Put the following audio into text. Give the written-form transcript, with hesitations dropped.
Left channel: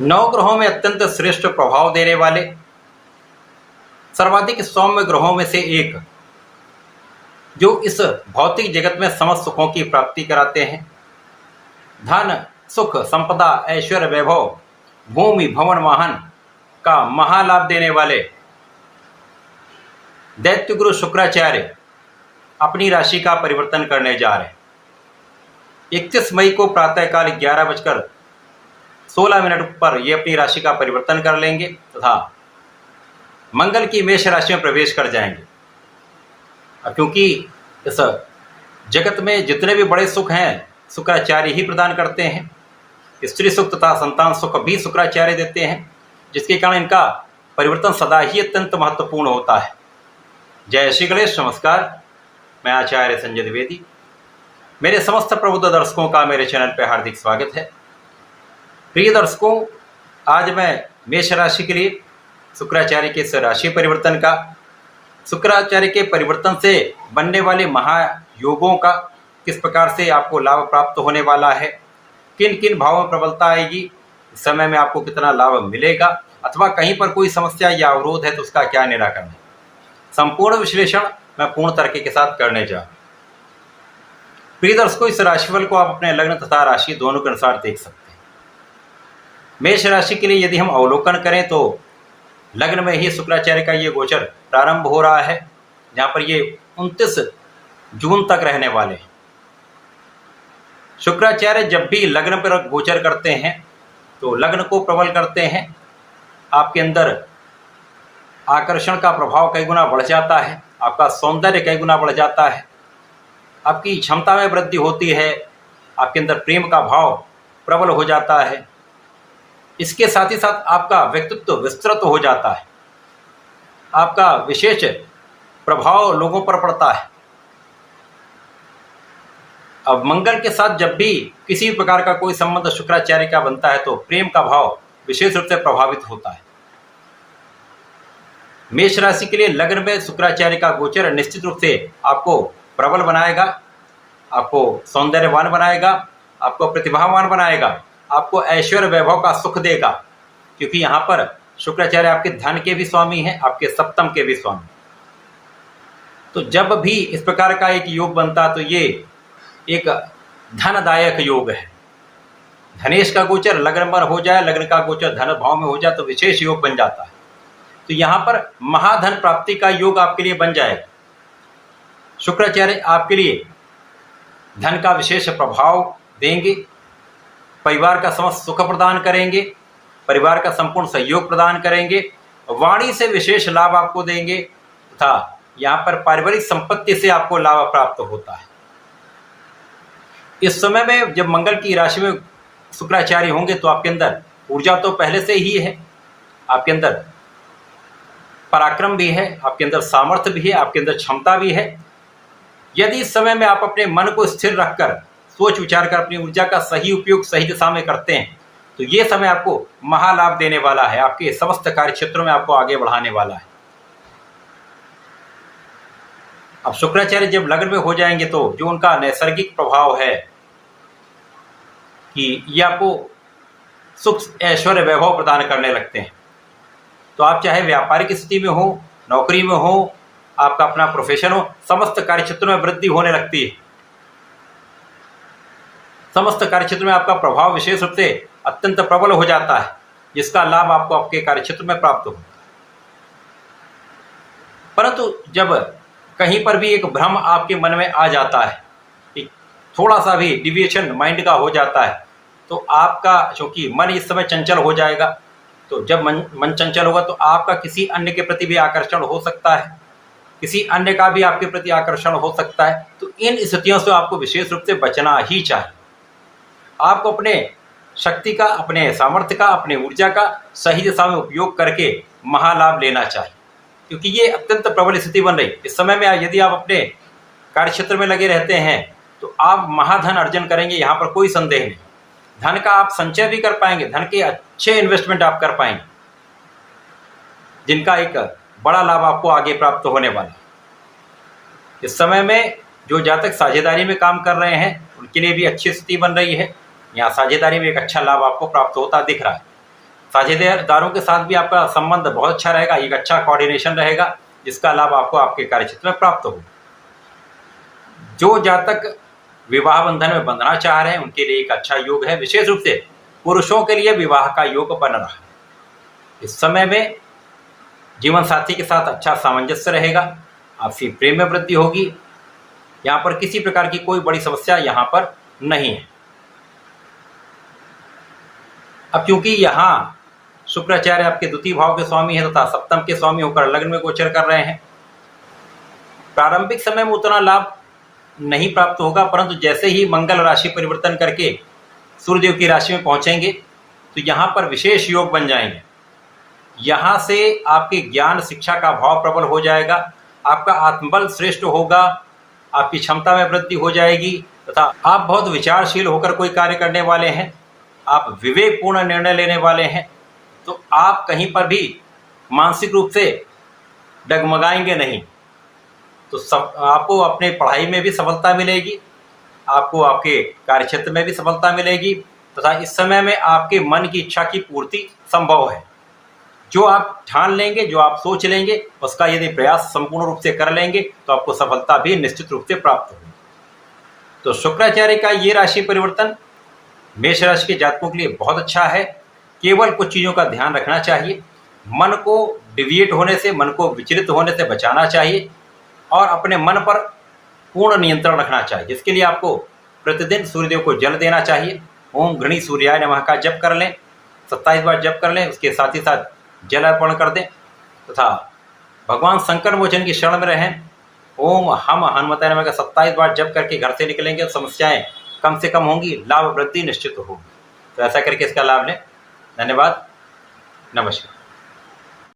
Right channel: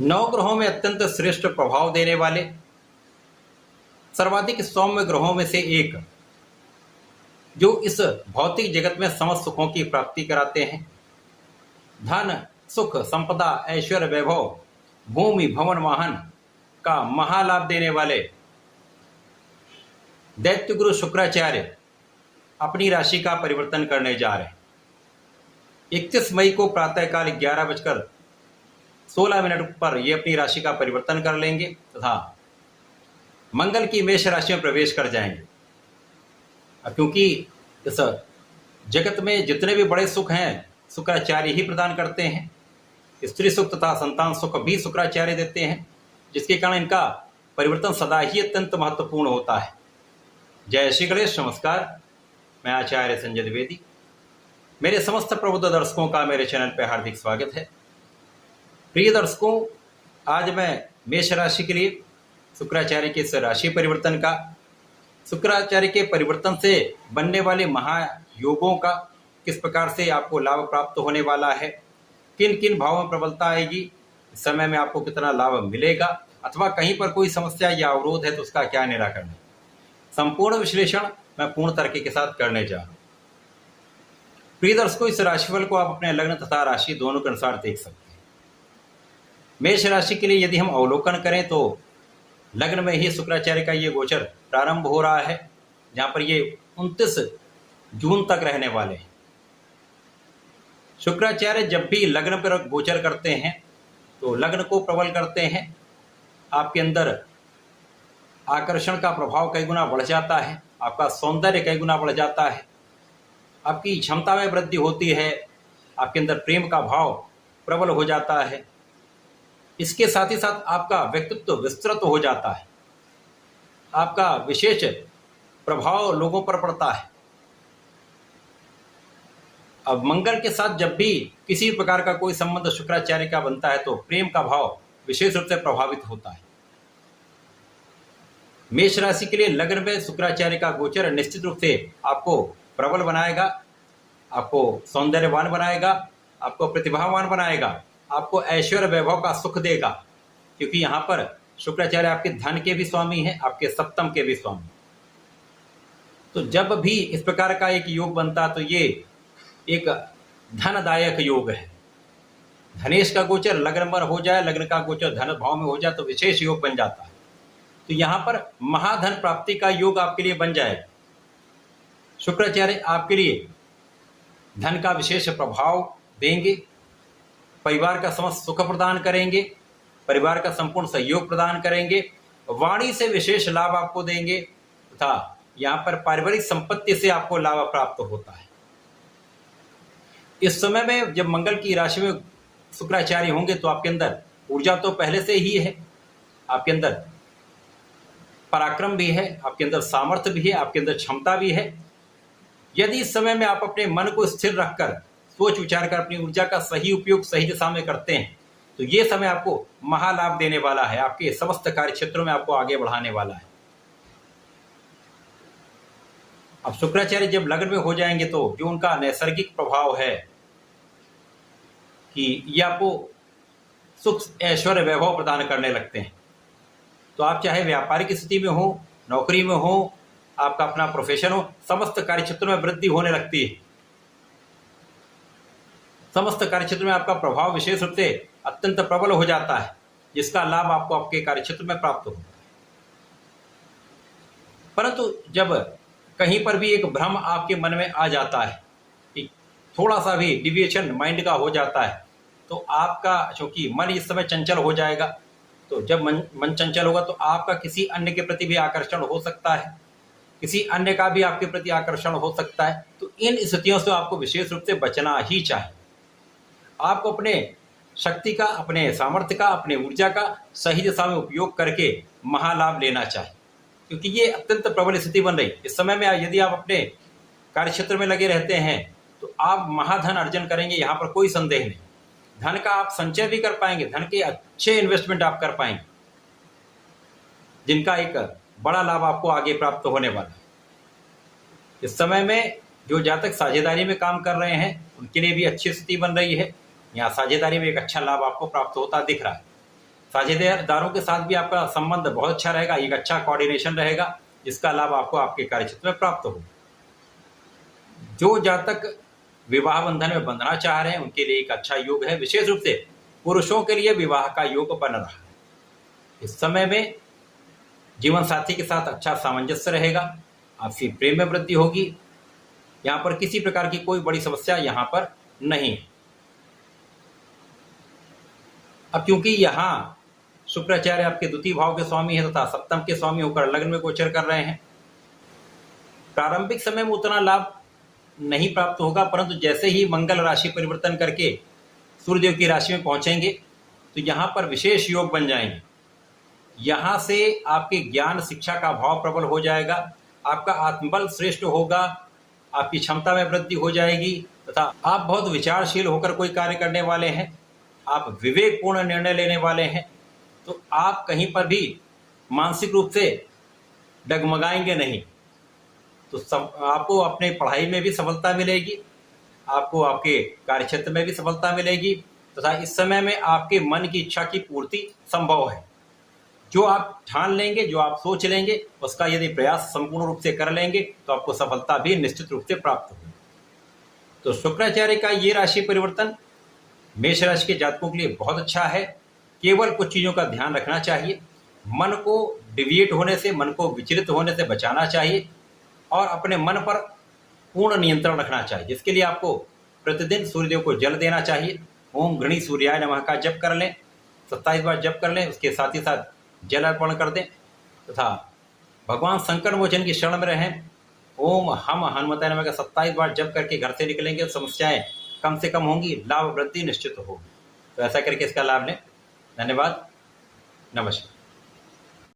नौ ग्रहों में अत्यंत श्रेष्ठ प्रभाव देने वाले सर्वाधिक सौम्य ग्रहों में से एक, जो इस भौतिक जगत में समस्त सुखों की प्राप्ति कराते हैं। धन, सुख, संपदा, ऐश्वर्य, वैभव, भूमि, भवन, वाहन का महालाभ देने वाले दैत्य गुरु शुक्राचार्य अपनी राशि का परिवर्तन करने जा रहे हैं। 31 मई को प्रातःकाल 11:16 पर ये अपनी राशि का परिवर्तन कर लेंगे तथा मंगल की मेष राशि में प्रवेश कर जाएंगे। क्योंकि इस जगत में जितने भी बड़े सुख हैं शुक्राचार्य ही प्रदान करते हैं। स्त्री सुख तथा संतान सुख भी शुक्राचार्य देते हैं, जिसके कारण इनका परिवर्तन सदा ही अत्यंत महत्वपूर्ण होता है। जय श्री गणेश। नमस्कार, मैं आचार्य संजय द्विवेदी। मेरे समस्त प्रबुद्ध दर्शकों का मेरे चैनल पर हार्दिक स्वागत है। प्रिय दर्शकों, आज मैं मेष राशि के लिए शुक्राचार्य के इस राशि परिवर्तन का, शुक्राचार्य के परिवर्तन से बनने वाले महायोगों का, किस प्रकार से आपको लाभ प्राप्त होने वाला है, किन किन भावों में प्रबलता आएगी, इस समय में आपको कितना लाभ मिलेगा, अथवा कहीं पर कोई समस्या या अवरोध है तो उसका क्या निराकरण है, संपूर्ण विश्लेषण मैं पूर्ण तरीके के साथ करने जा रहा हूं। प्रिय दर्शकों, इस राशिफल को आप अपने लग्न तथा राशि दोनों के अनुसार देख सकते हैं। मेष राशि के लिए यदि हम अवलोकन करें तो लग्न में ही शुक्राचार्य का ये गोचर प्रारंभ हो रहा है, जहां पर ये 29 जून तक रहने वाले हैं। शुक्राचार्य जब भी लग्न पर गोचर करते हैं तो लग्न को प्रबल करते हैं। आपके अंदर आकर्षण का प्रभाव कई गुना बढ़ जाता है, आपका सौंदर्य कई गुना बढ़ जाता है, आपकी क्षमता में वृद्धि होती है, आपके अंदर प्रेम का भाव प्रबल हो जाता है। इसके साथ ही साथ आपका व्यक्तित्व विस्तृत हो जाता है, आपका विशेष प्रभाव लोगों पर पड़ता है। अब मंगल के साथ जब भी किसी प्रकार का कोई संबंध शुक्राचार्य का बनता है तो प्रेम का भाव विशेष रूप से प्रभावित होता है। मेष राशि के लिए लग्न में शुक्राचार्य का गोचर निश्चित रूप से आपको प्रबल बनाएगा, आपको सौंदर्यवान बनाएगा, आपको प्रतिभावान बनाएगा, आपको ऐश्वर्य वैभव का सुख देगा, क्योंकि यहाँ पर शुक्राचार्य आपके धन के भी स्वामी हैं, आपके सप्तम के भी स्वामी। तो जब भी इस प्रकार का एक योग बनता तो ये एक धनदायक योग है। धनेश का गोचर लग्न पर हो जाए, लग्न का गोचर धन भाव में हो जाए तो विशेष योग बन जाता है। तो यहाँ पर महाधन प्राप्ति का योग आपके लिए बन जाएगा। शुक्राचार्य आपके लिए धन का विशेष प्रभाव देंगे, परिवार का समस्त सुख प्रदान करेंगे, परिवार का संपूर्ण सहयोग प्रदान करेंगे, वाणी से विशेष लाभ आपको देंगे तथा यहाँ पर पारिवारिक संपत्ति से आपको लाभ प्राप्त होता है। इस समय में जब मंगल की राशि में शुक्राचार्य होंगे तो आपके अंदर ऊर्जा तो पहले से ही है, आपके अंदर पराक्रम भी है, आपके अंदर सामर्थ्य भी है, आपके अंदर क्षमता भी है। यदि इस समय में आप अपने मन को स्थिर रखकर सोच विचार कर अपनी ऊर्जा का सही उपयोग सही दिशा में करते हैं तो ये समय आपको महालाभ देने वाला है, आपके समस्त कार्य क्षेत्रों में आपको आगे बढ़ाने वाला है। अब शुक्राचार्य जब लग्न में हो जाएंगे तो जो उनका नैसर्गिक प्रभाव है कि ये आपको सुख ऐश्वर्य वैभव प्रदान करने लगते हैं। तो आप चाहे व्यापारिक स्थिति में हो, नौकरी में हो, आपका अपना प्रोफेशन हो, समस्त कार्य क्षेत्रों में वृद्धि होने लगती है। समस्त कार्य क्षेत्र में आपका प्रभाव विशेष रूप से अत्यंत प्रबल हो जाता है, जिसका लाभ आपको आपके कार्य क्षेत्र में प्राप्त होता है। परंतु जब कहीं पर भी एक भ्रम आपके मन में आ जाता है कि थोड़ा सा भी डिविएशन माइंड का हो जाता है तो आपका, क्योंकि मन इस समय चंचल हो जाएगा, तो जब मन चंचल होगा तो आपका किसी अन्य के प्रति भी आकर्षण हो सकता है, किसी अन्य का भी आपके प्रति आकर्षण हो सकता है। तो इन स्थितियों से आपको विशेष रूप से बचना ही चाहिए। आपको अपने शक्ति का, अपने सामर्थ्य का, अपने ऊर्जा का सही दिशा में उपयोग करके महालाभ लेना चाहिए, क्योंकि ये अत्यंत प्रबल स्थिति बन रही। इस समय में यदि आप अपने कार्य क्षेत्र में लगे रहते हैं तो आप महाधन अर्जन करेंगे, यहाँ पर कोई संदेह नहीं। धन का आप संचय भी कर पाएंगे, धन के अच्छे इन्वेस्टमेंट आप कर पाएंगे, जिनका एक बड़ा लाभ आपको आगे प्राप्त होने वाला है। इस समय में जो जातक साझेदारी में काम कर रहे हैं उनके लिए भी अच्छी स्थिति बन रही है। यहाँ साझेदारी में एक अच्छा लाभ आपको प्राप्त होता दिख रहा है। साझेदारों के साथ भी आपका संबंध बहुत अच्छा रहेगा, एक अच्छा कोऑर्डिनेशन रहेगा, जिसका लाभ आपको आपके कार्यक्षेत्र में प्राप्त हो। जो जातक विवाह बंधन में बंधना चाह रहे हैं उनके लिए एक अच्छा योग है। विशेष रूप से पुरुषों के लिए विवाह का योग बन रहा है। इस समय में जीवन साथी के साथ अच्छा सामंजस्य रहेगा, आपसी प्रेम में वृद्धि होगी। यहाँ पर किसी प्रकार की कोई बड़ी समस्या यहाँ पर नहीं है। अब क्योंकि यहाँ शुक्राचार्य आपके द्वितीय भाव के स्वामी हैं तथा सप्तम के स्वामी होकर लग्न में गोचर कर रहे हैं, प्रारंभिक समय में उतना लाभ नहीं प्राप्त होगा, परंतु जैसे ही मंगल राशि परिवर्तन करके सूर्यदेव की राशि में पहुंचेंगे तो यहाँ पर विशेष योग बन जाएंगे। यहाँ से आपके ज्ञान शिक्षा का भाव प्रबल हो जाएगा, आपका आत्मबल श्रेष्ठ होगा, आपकी क्षमता में वृद्धि हो जाएगी तथा आप बहुत विचारशील होकर कोई कार्य करने वाले हैं, आप विवेकपूर्ण निर्णय लेने वाले हैं, तो आप कहीं पर भी मानसिक रूप से डगमगाएंगे नहीं। तो सब आपको अपने पढ़ाई में भी सफलता मिलेगी, आपको आपके कार्यक्षेत्र में भी सफलता मिलेगी तथा इस समय में आपके मन की इच्छा की पूर्ति संभव है। जो आप ठान लेंगे, जो आप सोच लेंगे, उसका यदि प्रयास संपूर्ण रूप से कर लेंगे तो आपको सफलता भी निश्चित रूप से प्राप्त होगी। तो शुक्राचार्य का ये राशि परिवर्तन मेष राशि के जातकों के लिए बहुत अच्छा है। केवल कुछ चीज़ों का ध्यान रखना चाहिए, मन को डिविएट होने से, मन को विचलित होने से बचाना चाहिए और अपने मन पर पूर्ण नियंत्रण रखना चाहिए, जिसके लिए आपको प्रतिदिन सूर्यदेव को जल देना चाहिए। ओम गृणी सूर्याय नमः का जप कर लें, 27 बार जप कर लें, उसके साथ ही साथ जल अर्पण कर दें तथा भगवान संकट मोचन की शरण में रहें। ओम हम हनुमताय नमः का 27 बार जप करके घर से निकलेंगे, समस्याएं कम से कम होंगी, लाभ वृद्धि निश्चित होगी। तो ऐसा करके इसका लाभ लें। धन्यवाद, नमस्कार।